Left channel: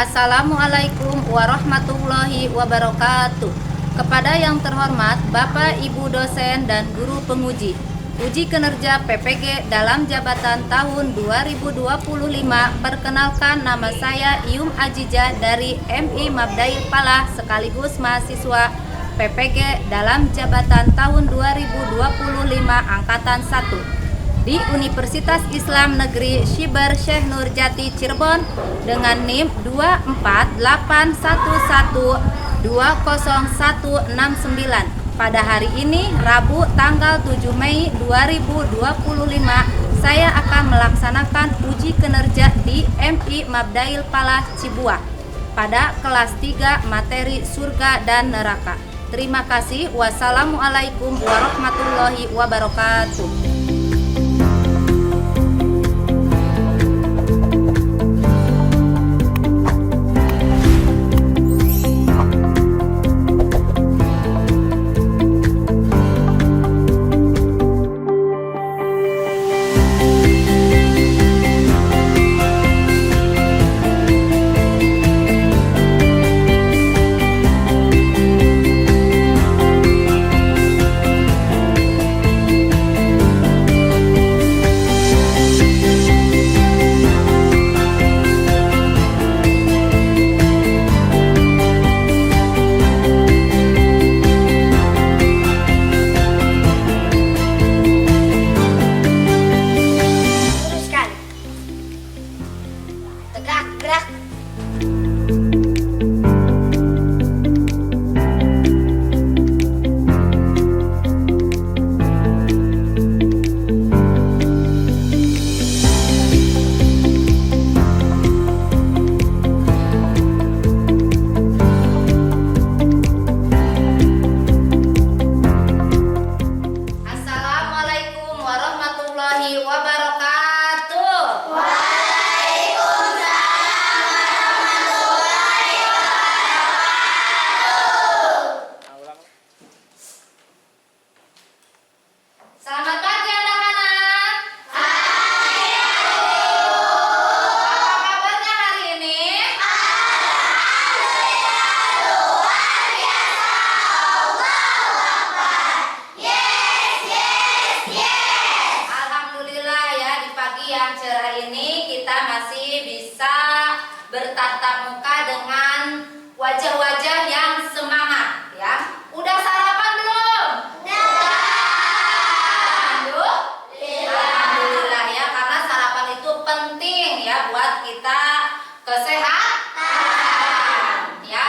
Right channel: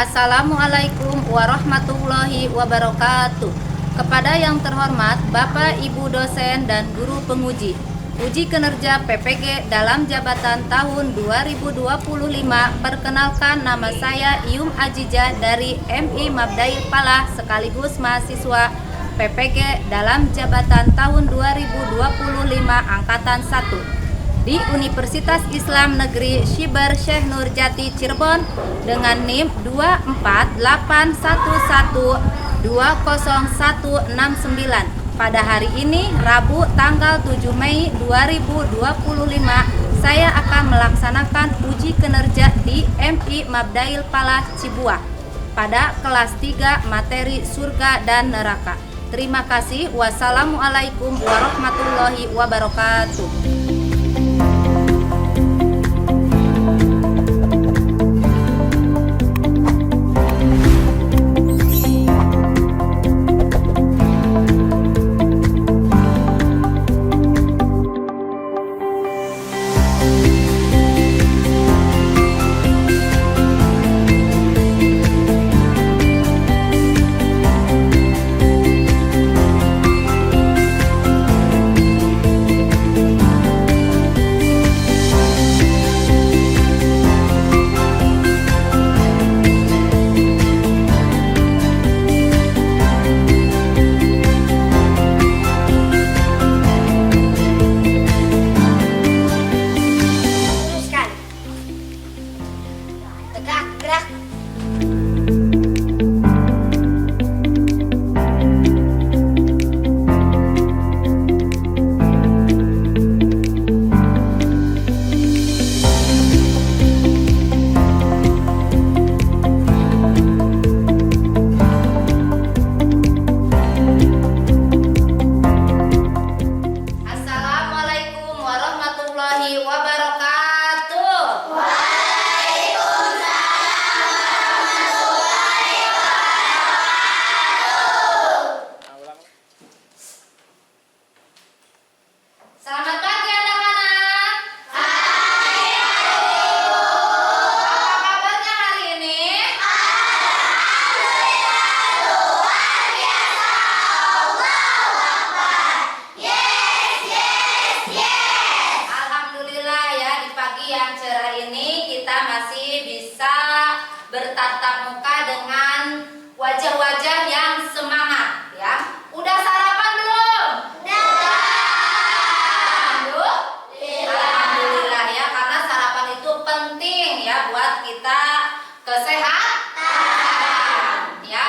Assalamualaikum warahmatullahi wabarakatuh. Kepada yang terhormat Bapak Ibu dosen dan guru penguji, uji kinerja PPG dalam jabatan tahun 2025. Perkenalkan, nama saya Iyum Ajijah dari MI Mabdail Palah sekaligus mahasiswa PPG dalam jabatan tahun 2025 angkatan 1 di Universitas Islam Negeri Syibar Syekh Nurjati Cirebon dengan NIM 24811200169. Pada hari ini Rabu tanggal 7 Mei 2025 saya akan melaksanakan uji kinerja di MI Mabdail Palah Cibuah pada kelas 3 materi surga dan neraka. Terima kasih. Wassalamualaikum warahmatullahi wabarakatuh. Assalamualaikum warahmatullahi wabarakatuh. Selamat pagi anak-anak. Apa kabarnya hari ini? Alhamdulillah ya, di pagi yang cerah ini kita masih bisa bertatap muka dengan wajah-wajah yang semangat ya. Udah sarapan belum? Udah. Alhamdulillah ya, karena sarapan itu penting ya buat kita kesehatan ya.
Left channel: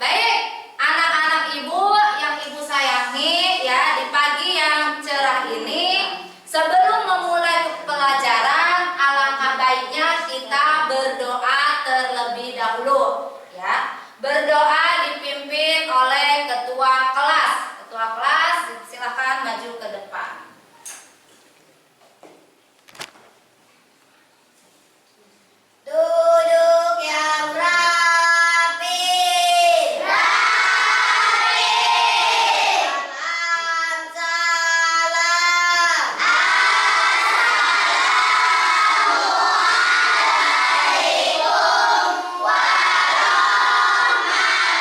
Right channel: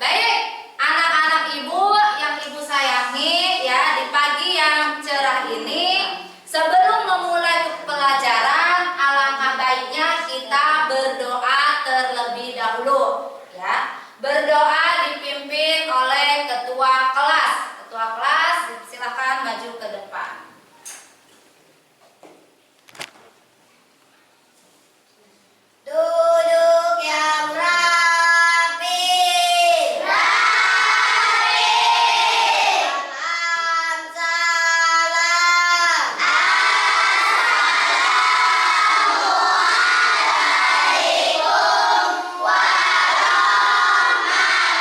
Baik, anak-anak ibu yang ibu sayangi ya, di pagi yang cerah ini sebelum memulai pelajaran alangkah baiknya kita berdoa terlebih dahulu ya. Berdoa dipimpin oleh ketua kelas. Ketua kelas silakan maju ke depan. Duduk yang rapi. Salam salam. Assalamualaikum warahmatullahi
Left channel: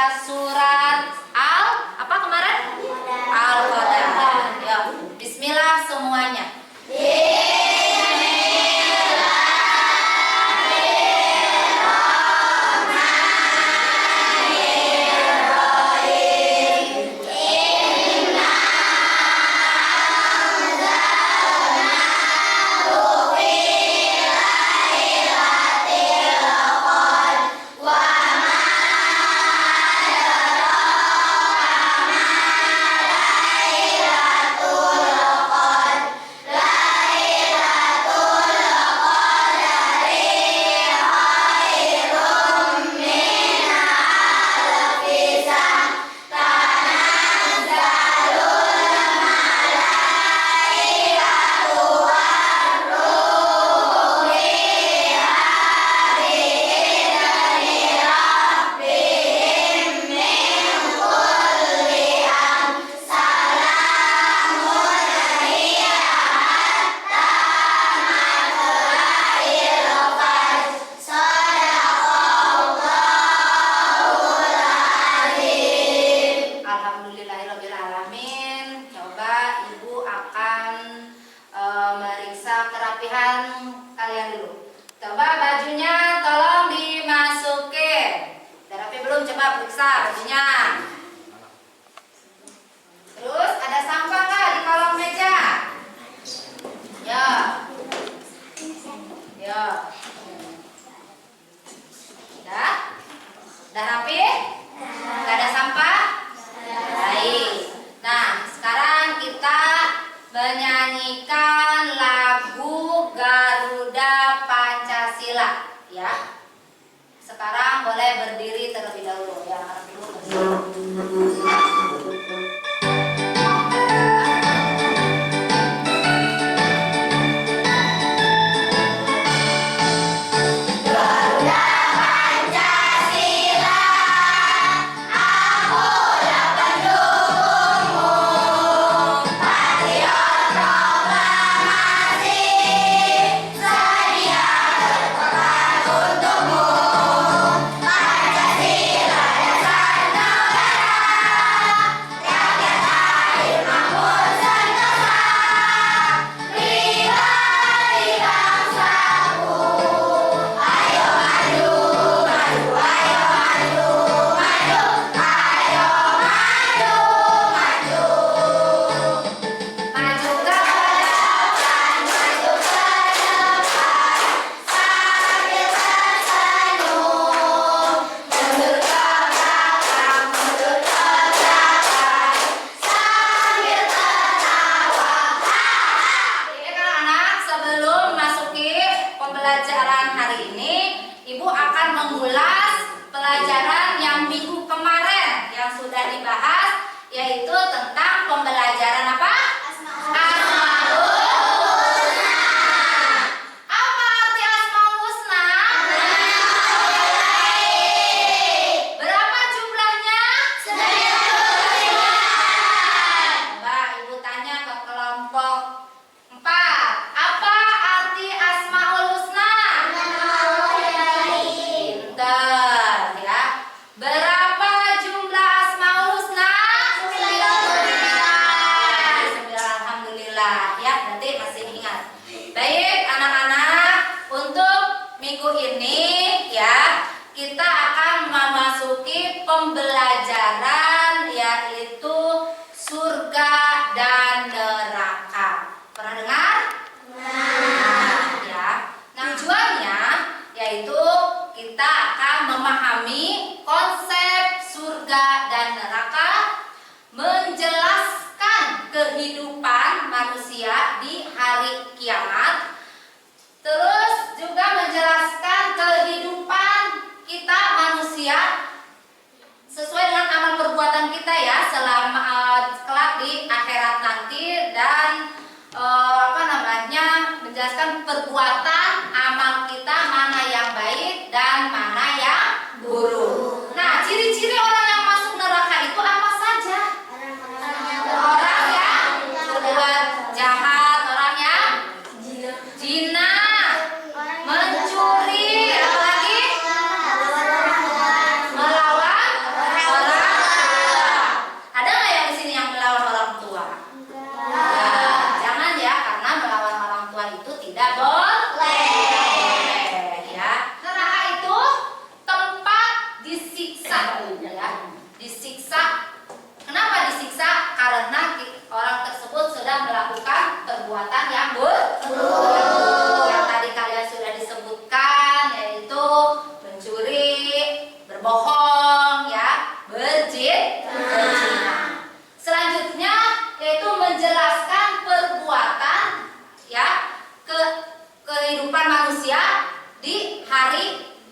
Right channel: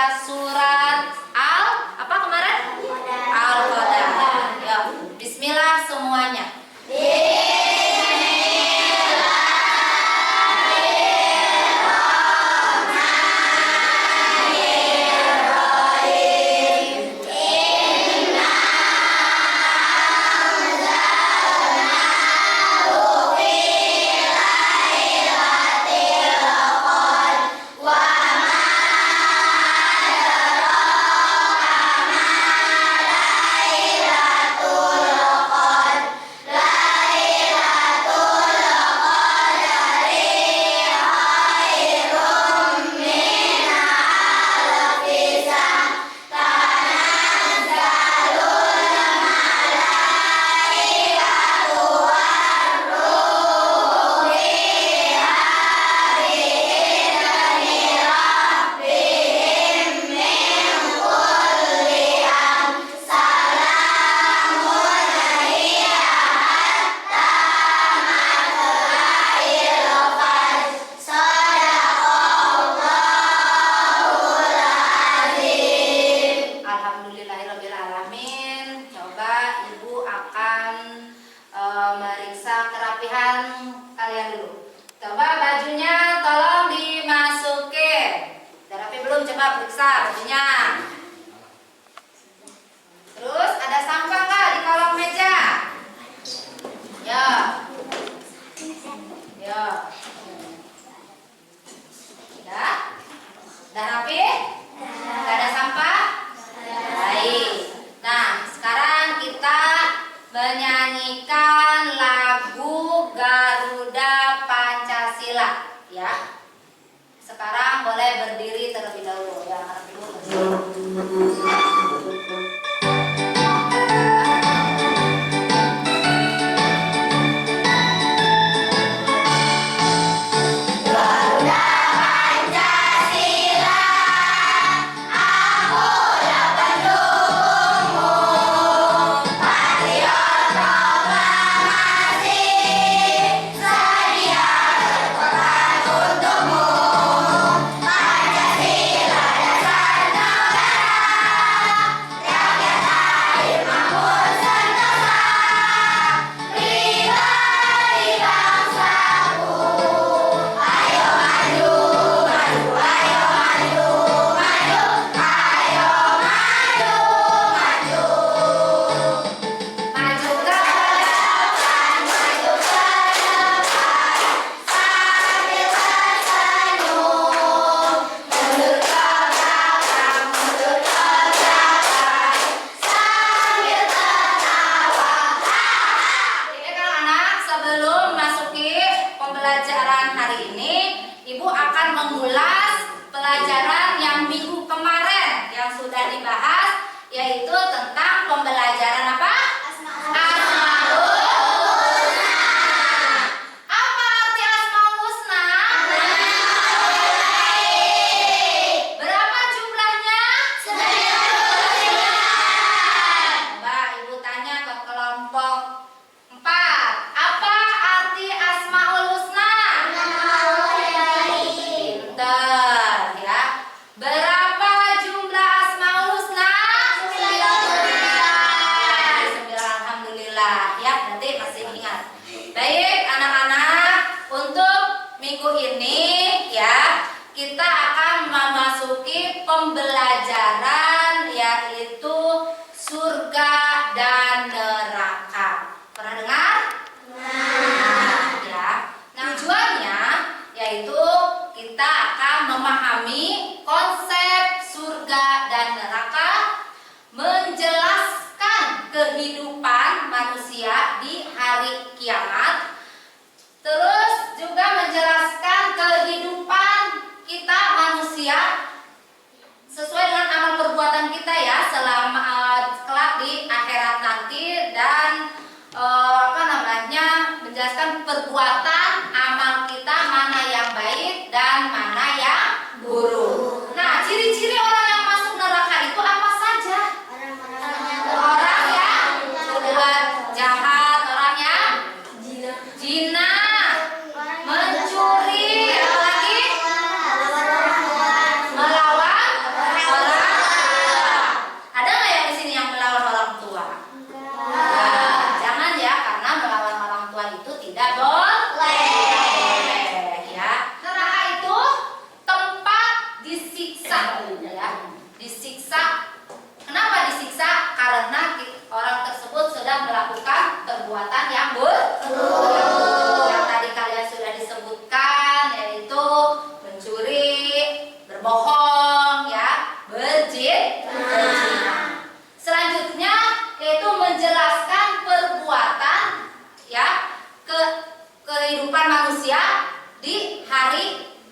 membaca surat apa kemarin? Al-Qadar. Ya, bismillah semuanya. Alhamdulillahirrabbilalamin. Coba Ibu akan meriksa kerapihan kalian dulu. Coba bajunya tolong dimasukin. Udah rapi belum? Coba periksa bajunya. Terus ada sampah nggak di kolong meja? Ya. Ya. Udah? Udah rapi? Nggak ada sampah? Baik. Nah, sekarang kita menyanyikan lagu Garuda Pancasila, ya. Sekarang boleh berdiri terlebih dahulu, ya. Pembelajaran hari ini, Ibu akan mengulas pelajaran yang minggu kemarin yang sudah dibahas, yaitu tentang pembelajaran apa? Asmaul Husna. Apa arti Asmaul Husna? Berapa jumlahnya? 9. Coba Ibu tanya ke kelompok 4. Apa arti Asmaul Husna? Pinter, ya. Berapa jumlah Asmaul Husna? 9. Alhamdulillah, ya. Nanti masih ingat. Baik, anak-anak, untuk minggu ini, ya, kita akan memasuki pembelajaran yaitu surga dan neraka. Pernah dengar? Ya. Tujuannya yaitu kita akan memahami konsep surga dan neraka, menjelaskan kehidupan manusia di hari kiamat, terus juga menjelaskan kehidupan kita manusia sesuai dengan amal perbuatan kita, ya, selama kelak di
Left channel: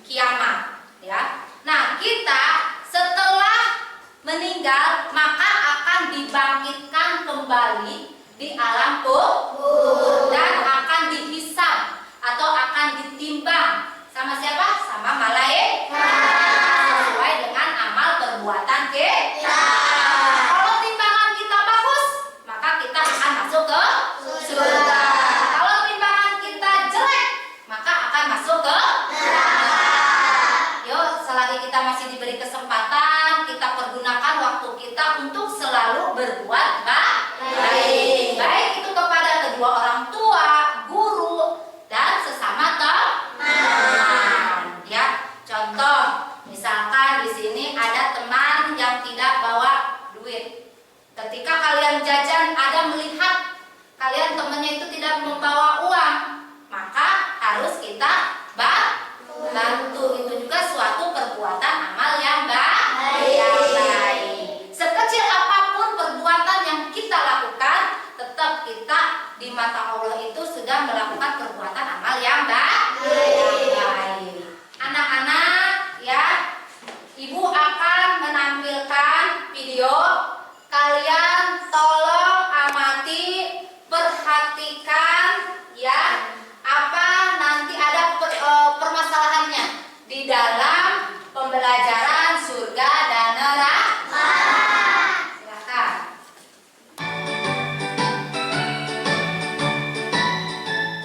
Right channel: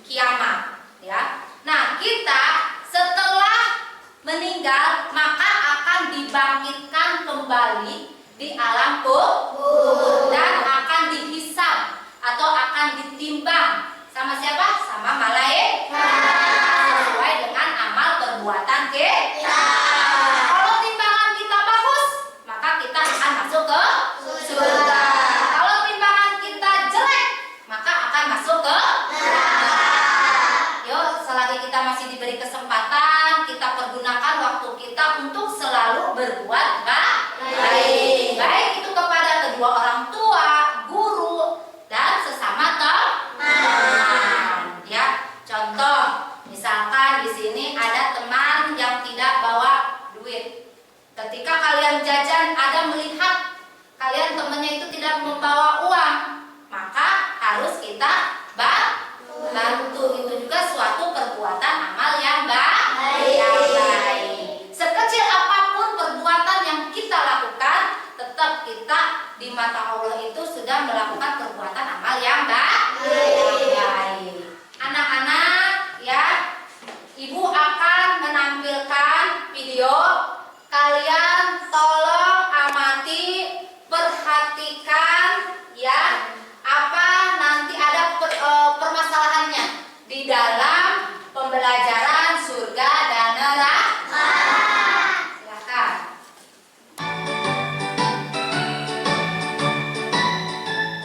kiamat, ya. Nah, kita setelah meninggal maka akan dibangkitkan kembali di alam kubur dan akan dihisab atau akan ditimbang sama siapa? Sama malaikat sesuai dengan amal perbuatan kita. Kalau timbangan kita bagus, maka kita akan masuk ke surga. Kalau timbangan kita jelek, maka akan masuk ke neraka. Yuk, selagi kita masih diberi kesempatan, kita pergunakan waktu kita untuk selalu berbuat baik. Baik itu kepada kedua orang tua, guru, dan sesama teman. Ya, contoh, misalkan di sini ada teman yang tidak bawa duit. Ketika kalian jajan, ada melihat kalian temannya itu tidak membawa uang, maka harus kita bantu. Itu juga suatu perbuatan amal yang baik. Sekecil apapun perbuatan yang kita lakukan, tetap kita di mata Allah itu sudah melakukan perbuatan amal yang baik. Anak-anak, ya, ibu akan menampilkan video. Kalian tolong amati, perhatikan, ya, apa nanti ada permasalahannya di dalam pembelajaran surga dan neraka. Silakan.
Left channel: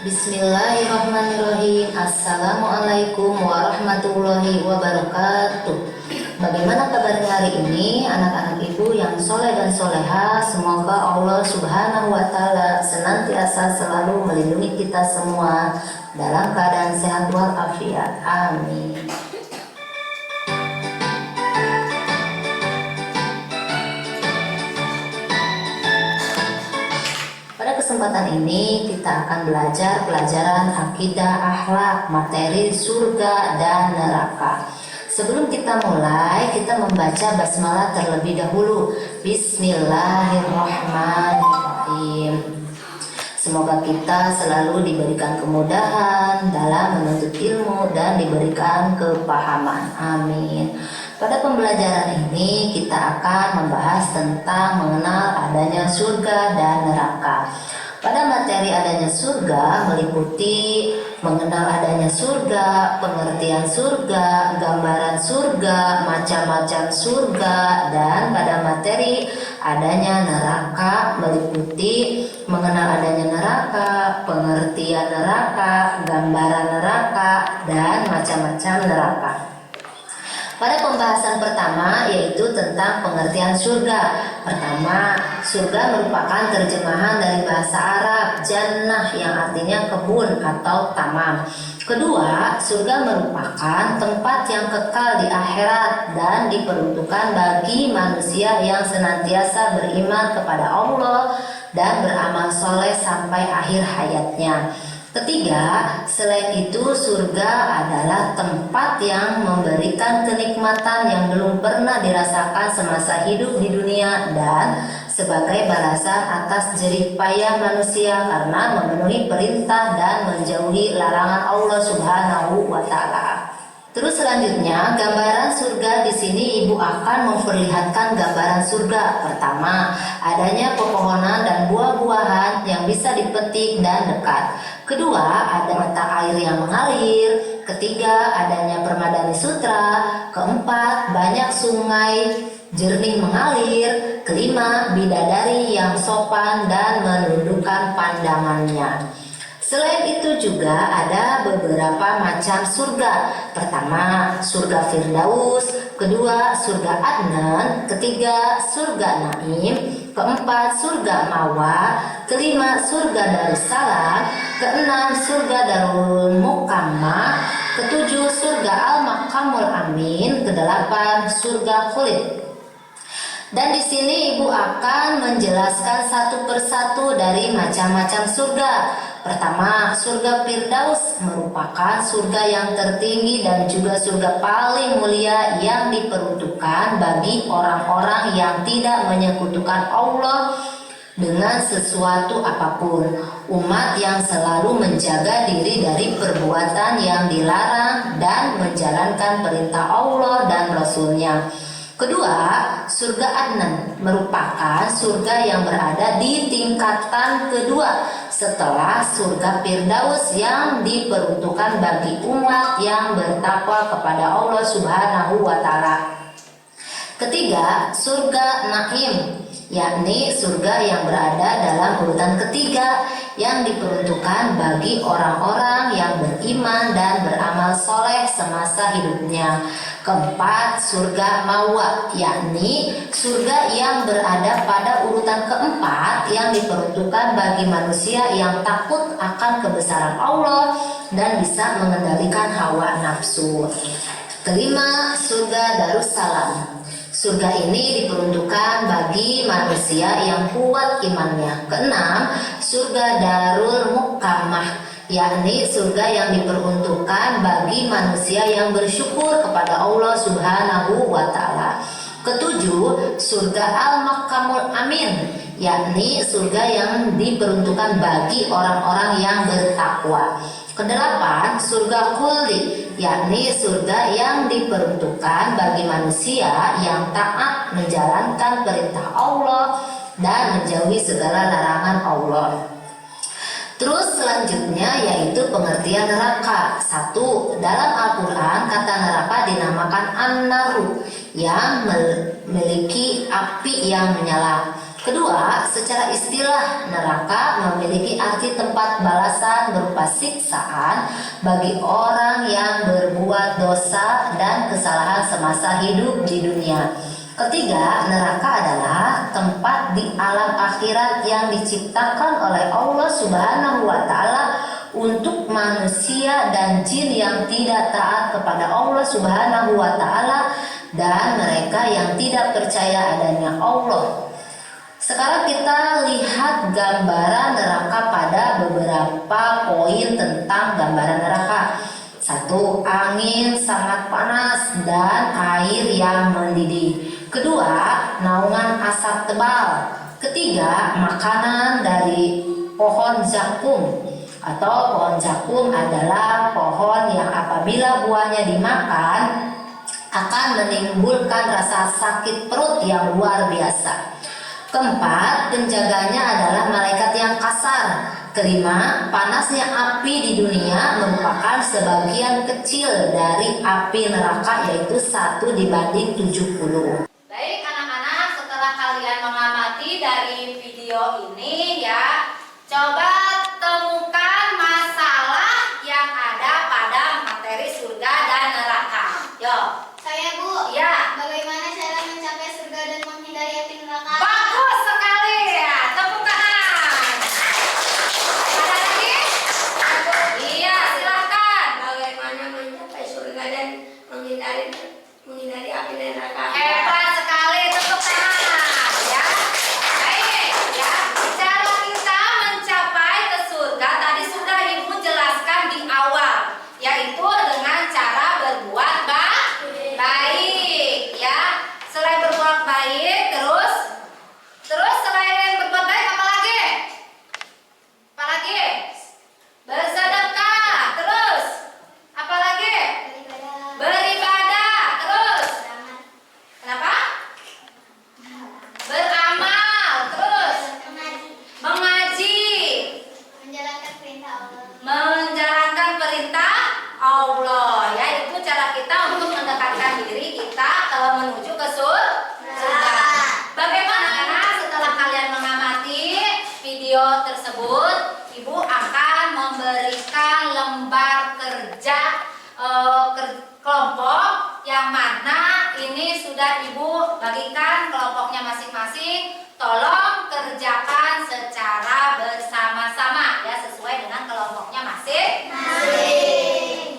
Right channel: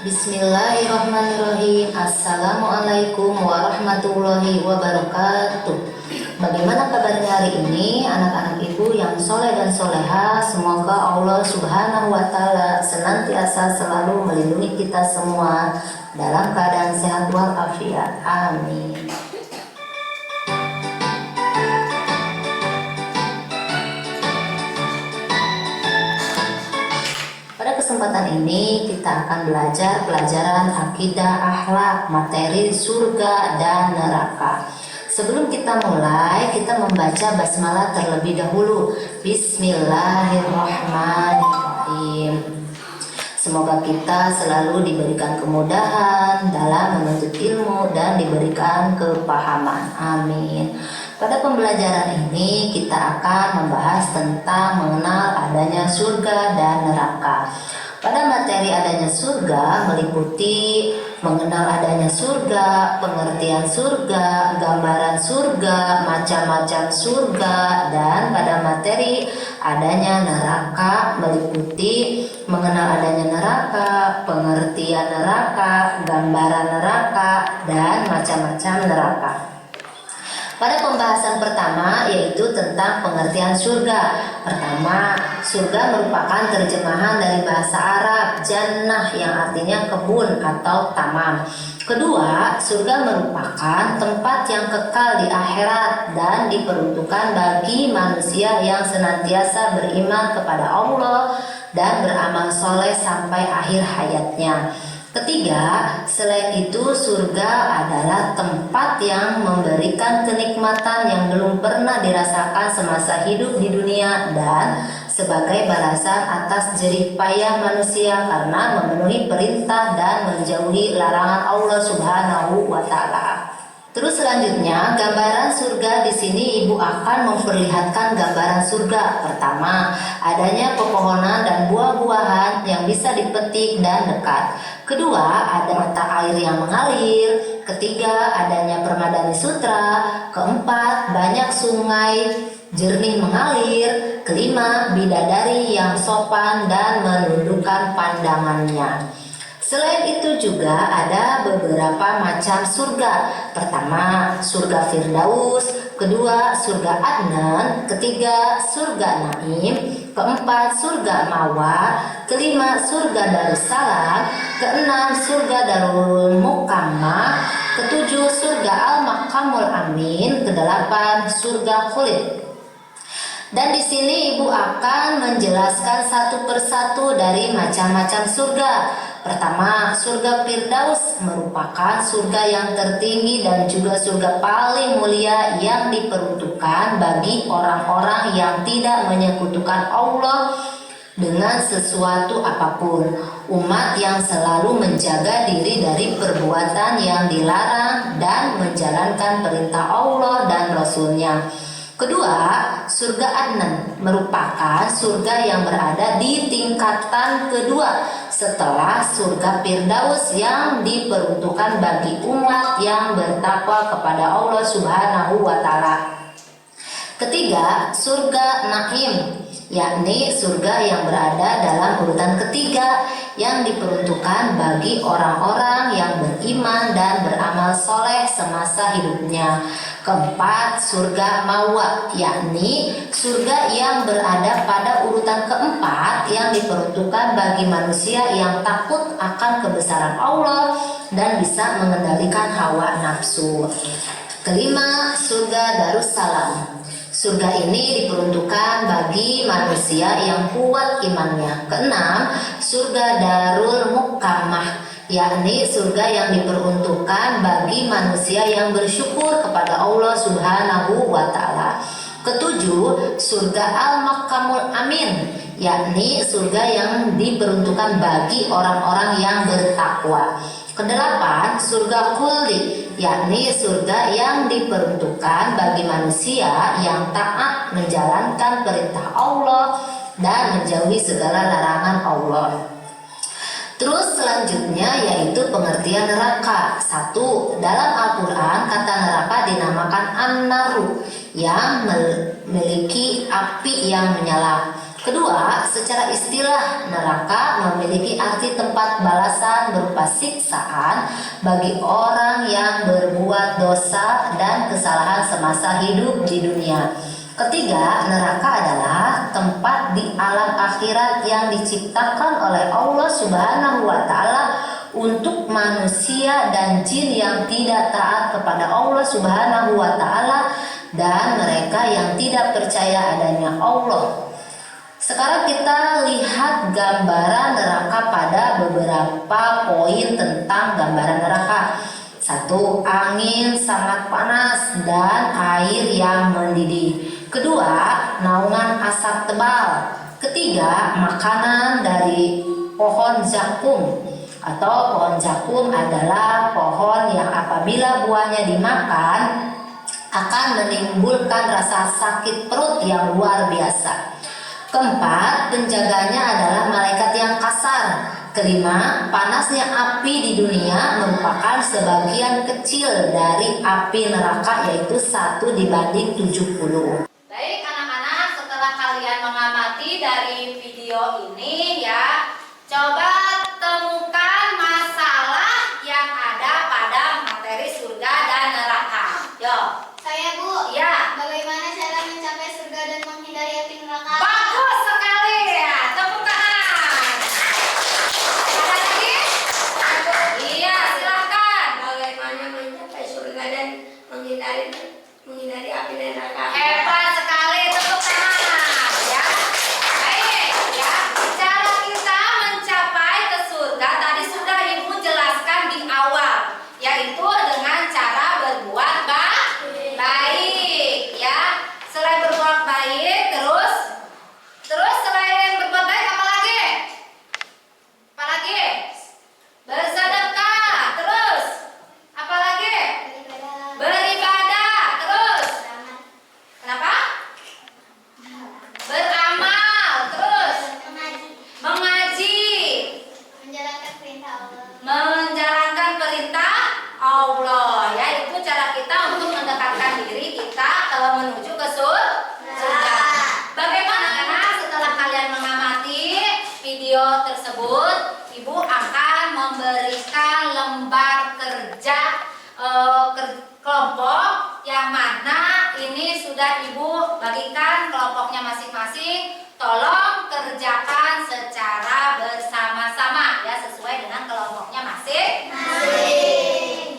Bismillahirrahmanirrahim. Assalamualaikum warahmatullahi wabarakatuh. Bagaimana kabarnya hari ini anak-anak ibu yang soleh dan soleha? Semoga Allah subhanahu wa ta'ala senantiasa selalu melindungi kita semua dalam keadaan sehat walafiat. Amin. Pada kesempatan ini kita akan belajar pelajaran akidah, akhlak, materi surga dan neraka. Sebelum kita mulai, kita membaca basmalah terlebih dahulu. Bismillahirrahmanirrahim. Semoga kita selalu diberikan kemudahan dalam menuntut ilmu dan diberikan kepahaman. Amin. Pada pembelajaran ini kita akan membahas tentang mengenal adanya surga dan neraka. Pada materi adanya surga meliputi mengenal adanya surga, pengertian surga, gambaran surga, macam-macam surga, dan pada materi adanya neraka meliputi mengenal adanya neraka, pengertian neraka, gambaran neraka, dan macam-macam neraka. Pada pembahasan pertama yaitu tentang pengertian surga. Pertama, surga merupakan terjemahan dari bahasa Arab jannah yang artinya kebun atau taman. Kedua, surga merupakan tempat yang kekal di akhirat dan diperuntukkan bagi manusia yang senantiasa beriman kepada Allah dan beramal soleh sampai akhir hayatnya. Ketiga, selain itu surga adalah tempat yang memberikan kenikmatan yang belum pernah dirasakan semasa hidup di dunia dan sebagai balasan atas jerih payah manusia karena memenuhi perintah dan menjauhi larangan Allah Subhanahu wa ta'ala. Terus selanjutnya, gambaran surga di sini ibu akan memperlihatkan gambaran surga. Pertama, adanya pepohonan dan buah-buahan yang bisa dipetik dan dekat. Kedua, ada mata air yang mengalir. Ketiga, adanya permadani sutra. Keempat, banyak sungai jernih mengalir. Kelima, bidadari yang sopan dan menundukkan pandangannya. Selain itu juga ada beberapa macam surga. Pertama, surga Firdaus. Kedua, surga Adnan. Ketiga, surga Naim. Keempat, surga Mawa. Kelima, surga Darussalam. Keenam, surga Darul Mukamah. Ketujuh, surga Al-Maqamul Amin. Kedelapan, surga Khulid. Dan di sini ibu akan menjelaskan satu persatu dari macam-macam surga. Pertama, surga Firdaus merupakan surga yang tertinggi dan juga surga paling mulia yang diperuntukkan bagi orang-orang yang tidak menyekutukan Allah dengan sesuatu apapun. Umat yang selalu menjaga diri dari perbuatan yang dilarang dan menjaga menjalankan perintah Allah dan Rasul-Nya. Kedua, surga Adnan merupakan surga yang berada di tingkatan kedua setelah surga Firdaus yang diperuntukkan bagi umat yang bertakwa kepada Allah Subhanahu wa Ta'ala. Ketiga, surga Naim, yakni surga yang berada dalam urutan ketiga yang diperuntukkan bagi orang-orang yang beriman dan beramal soleh semasa hidupnya. Keempat, surga Mawa, yakni surga yang berada pada urutan keempat yang diperuntukkan bagi manusia yang takut akan kebesaran Allah dan bisa mengendalikan hawa nafsu. Kelima, surga Darussalam. Surga ini diperuntukkan bagi manusia yang kuat imannya. Keenam, surga Darul Mukamah, yakni surga yang diperuntukkan bagi manusia yang bersyukur kepada Allah Subhanahu wa Ta'ala. Ketujuh, surga Al-Makamul Amin, yakni surga yang diperuntukkan bagi orang-orang yang bertakwa. Kedelapan, surga Khuldi, yakni surga yang diperuntukkan bagi manusia yang taat menjalankan perintah Allah dan menjauhi segala larangan Allah. Terus selanjutnya yaitu pengertian neraka. Satu, dalam Al-Quran kata neraka dinamakan An-Naru, yang memiliki api yang menyala. Kedua, secara istilah neraka memiliki arti tempat balasan berupa siksaan bagi orang yang berbuat dosa dan kesalahan semasa hidup di dunia. Ketiga, neraka adalah tempat di alam akhirat yang diciptakan oleh Allah Subhanahu wa Ta'ala untuk manusia dan jin yang tidak taat kepada Allah Subhanahu wa Ta'ala dan mereka yang tidak percaya adanya Allah. Sekarang kita lihat gambaran neraka pada beberapa poin tentang gambaran neraka. Satu, angin sangat panas dan air yang mendidih. Kedua, naungan asap tebal. Ketiga, makanan dari pohon zakum. Atau pohon zakum adalah pohon yang apabila buahnya dimakan akan menimbulkan rasa sakit perut yang luar biasa. Keempat, penjaganya adalah malaikat yang kasar. Kelima, panasnya api di dunia merupakan sebagian kecil dari api neraka, yaitu 1:70. Baik anak-anak, setelah kalian mengamati dari video ini ya, coba temukan masalah yang ada pada materi surga dan neraka. Yo. Saya Bu, Ya. bagaimana cara mencapai surga dan menghindari api neraka? Bagus sekali ya, tepuk tangan. Ada lagi? Iya, silahkan. Bagaimana mencapai surga dan menghindari api neraka? Hebat sekali, tepuk tangan ya. Baik ya, cara kita mencapai ke surga tadi sudah Ibu jelaskan di awal, yaitu dengan cara berbuat baik ya. Selain berbuat baik, terus selain berbuat baik apa lagi? Apa lagi? Bersedekah, terus apa lagi? Beribadah, terus kenapa? Beramal, terus mengaji, Menjalankan perintah Allah. menjalankan perintah Allah. Ya, itu cara kita untuk mendekatkan diri kita menuju ke surga. Bagaimana anak setelah kalian mengamati video tersebut, Ibu akan memberikan lembar kerja kelompok yang mana ini sudah Ibu bagikan kelompoknya masing-masing. Tolong kerjakan secara bersama-sama ya, sesuai dengan kelompoknya masing-masing.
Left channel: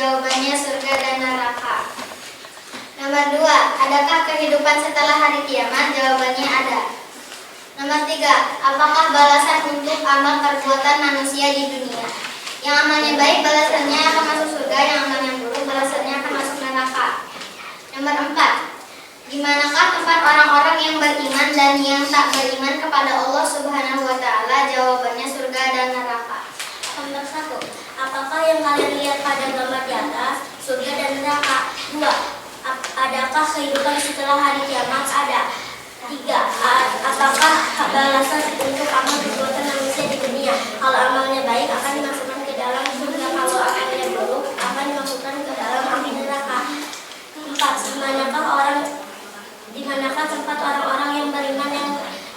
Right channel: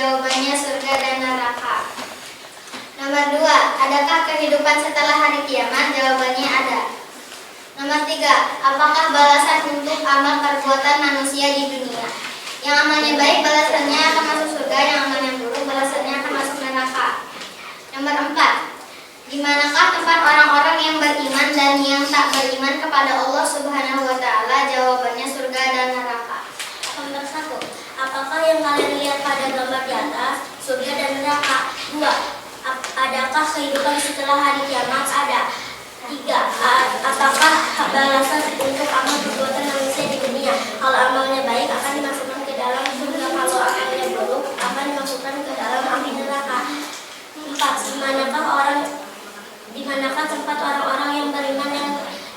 Jawabannya surga dan neraka. Nomor 2, adakah kehidupan setelah hari kiamat? Jawabannya ada. Nomor 3, apakah balasan untuk amal perbuatan manusia di dunia? Yang amalnya baik balasannya akan masuk surga, yang amalnya buruk balasannya akan masuk neraka. Nomor 4, di manakah tempat orang-orang yang beriman dan yang tak beriman kepada Allah Subhanahu wa taala? Jawabannya surga dan neraka. Nomor 1, apakah yang kalian lihat pada gambar di atas? Surga dan neraka. 2, adakah kehidupan setelah hari kiamat? Ada. 3, apakah balasan untuk amal perbuatan manusia di dunia? Kalau amalnya baik akan dimasukkan ke dalam surga, kalau amalnya buruk akan dimasukkan ke dalam api neraka. 4, di manakah tempat orang-orang yang beriman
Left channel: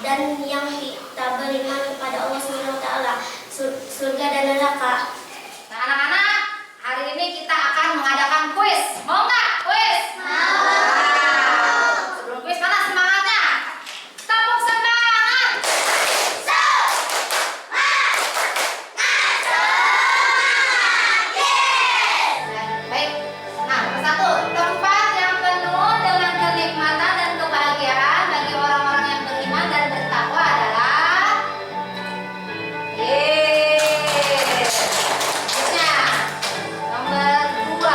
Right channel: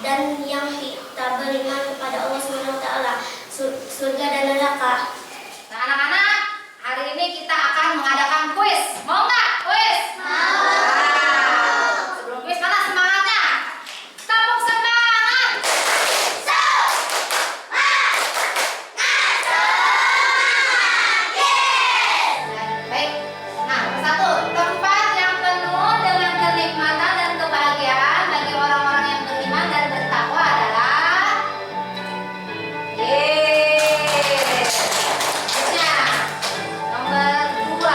dan yang tidak beriman kepada Allah Subhanahu wa taala? Surga dan neraka. Nah, anak-anak, hari ini kita akan mengadakan kuis. Mau nggak kuis? Mau. Nah, sebelum kuis, mana semangatnya? Tepuk semangat. Baik. Nah, nomor 1, tempat yang penuh dengan kenikmatan dan kebahagiaan bagi orang-orang yang beriman dan bertakwa adalah Selanjutnya, nomor 2.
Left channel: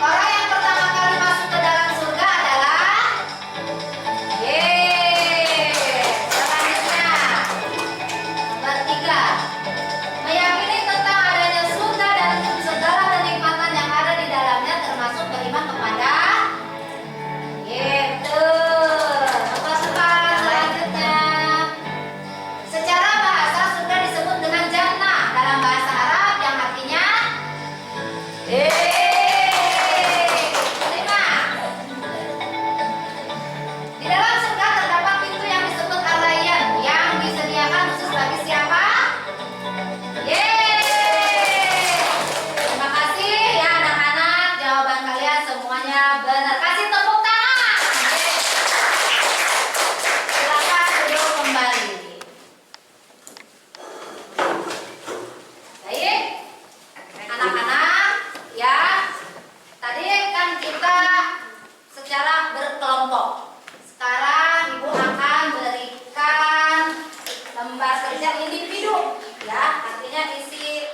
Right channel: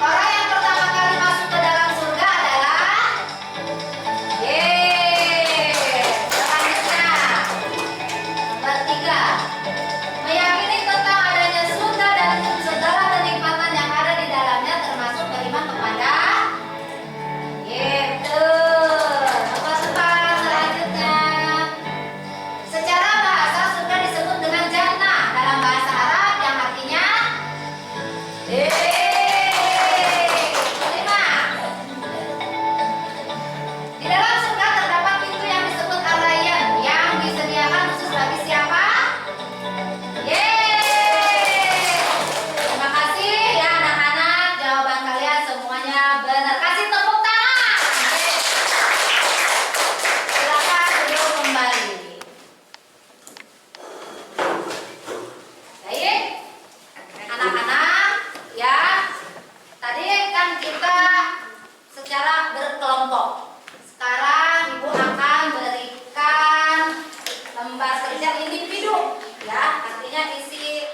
Orang yang pertama kali masuk ke dalam surga adalah Selanjutnya, nomor 3. Meyakini tentang adanya surga dan segala kenikmatan yang ada di dalamnya termasuk beriman kepada Nomor 4, selanjutnya. Secara bahasa surga disebut dengan jannah dalam bahasa Arab yang artinya 5. Di dalam surga terdapat pintu yang disebut Ar-Rayyan yang disediakan khusus bagi siapa? Terima kasih ya anak-anak, jawaban kalian semuanya benar. Kasih tepuk tangan. Silakan duduk kembali. Baik, anak-anak, ya. Tadi kan kita secara berkelompok. Sekarang Ibu akan berikan lembar kerja individu, ya. Artinya isi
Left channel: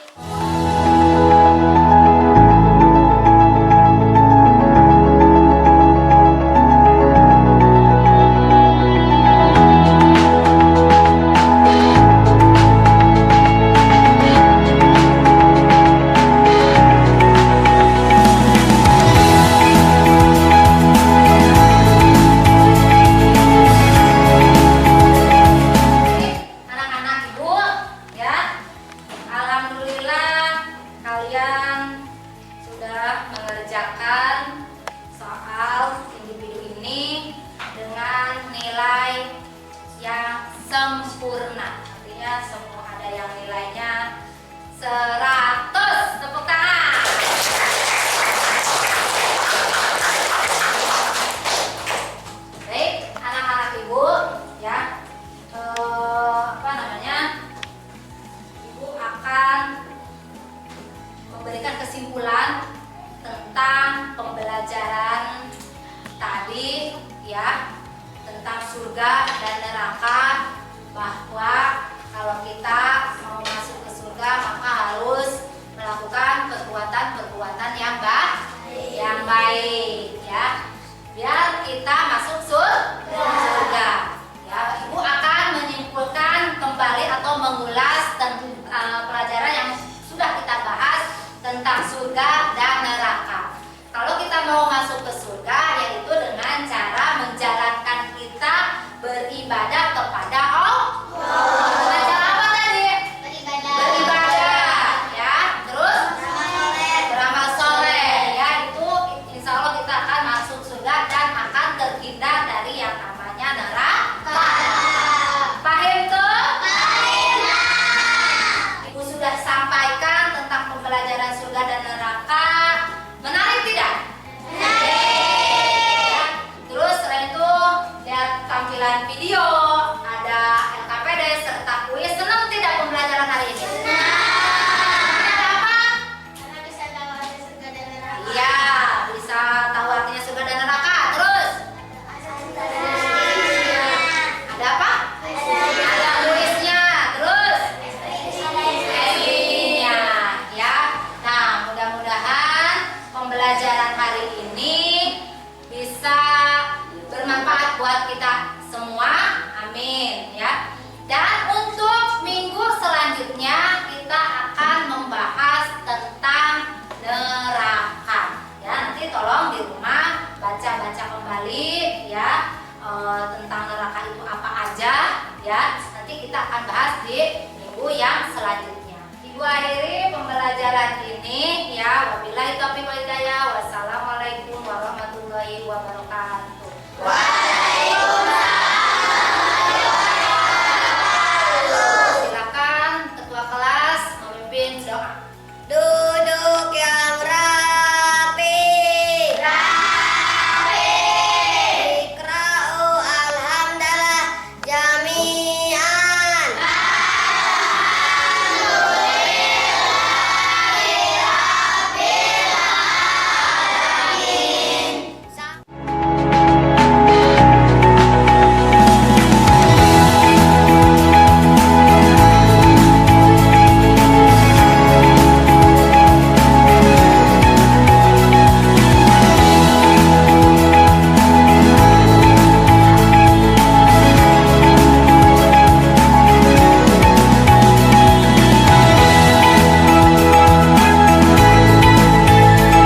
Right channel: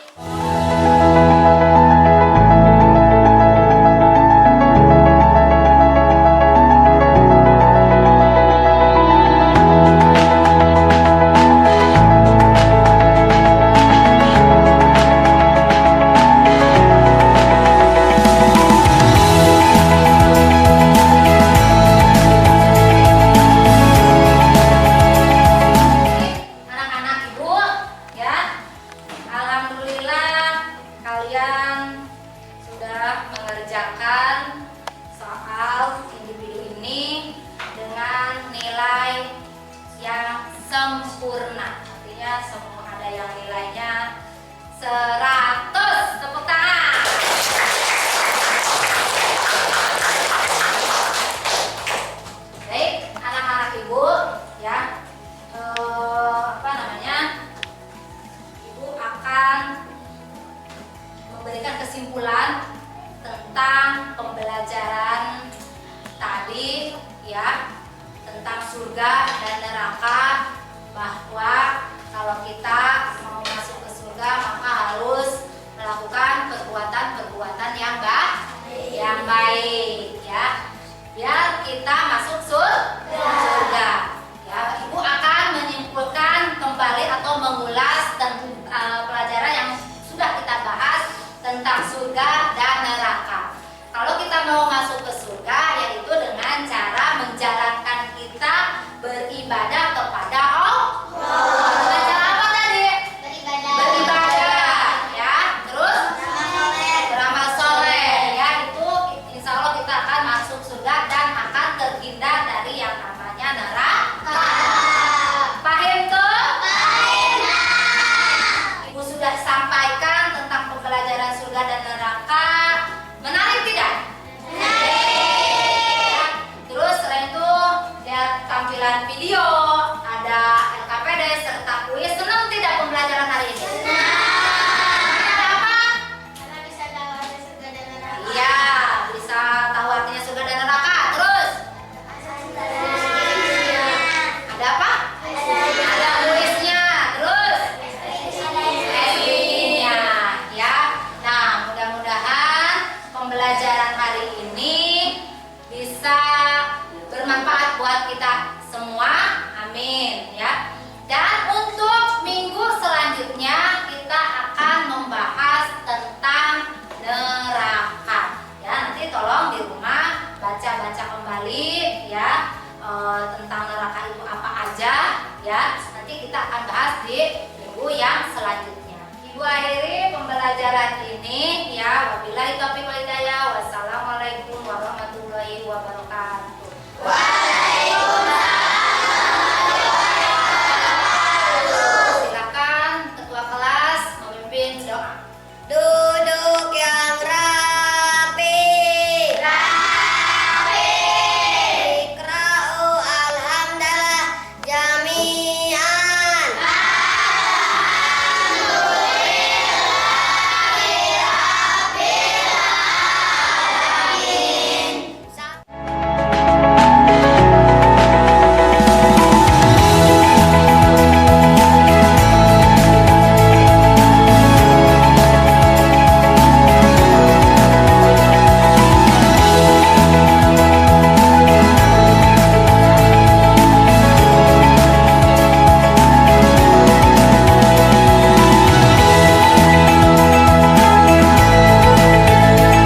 anak-anak Ibu, ya. Alhamdulillah kalian sudah mengerjakan soal individu ini dengan nilai yang sempurna. Artinya semua ada yang nilainya 100. Tepuk tangan. Baik, anak-anak Ibu, ya. Ibu akan memberikan kesimpulan tentang pembelajaran tadi, ya, tentang surga dan neraka, bahwa kalau kita mau masuk ke surga maka harus melakukan perbuatan-perbuatan yang baik, ya, biar kita masuk surga. Ya, Ibu akan menyimpulkan kembali atau mengulas tentang pelajaran yang sudah kita bahas tentang surga dan neraka. Kalau kita mau masuk ke surga, yaitu dengan cara menjalankan kita beribadah kepada Allah. Dengan cara apa tadi? Beribadah, ya. Terus beramal soleh, ya. Itu insya Allah kita akan masuk surga dan akan terhindar dari yang namanya neraka. Paham tuh? Ibu sudah sampaikan tentang pembelajaran surga dan neraka. Menarik tidak? Menarik. pembelajaran hari ini bisa bermanfaat buat kita semua. Amin ya. Dan untuk minggu selanjutnya kita akan membahas tentang neraka. Ya, nanti tolong di rumah baca-baca kembali ya tentang neraka itu apa aja ya. Nanti kita akan bahas di minggu yang selanjutnya. Ibu akhiri pembelajaran ini ya. Wabillahi taufiq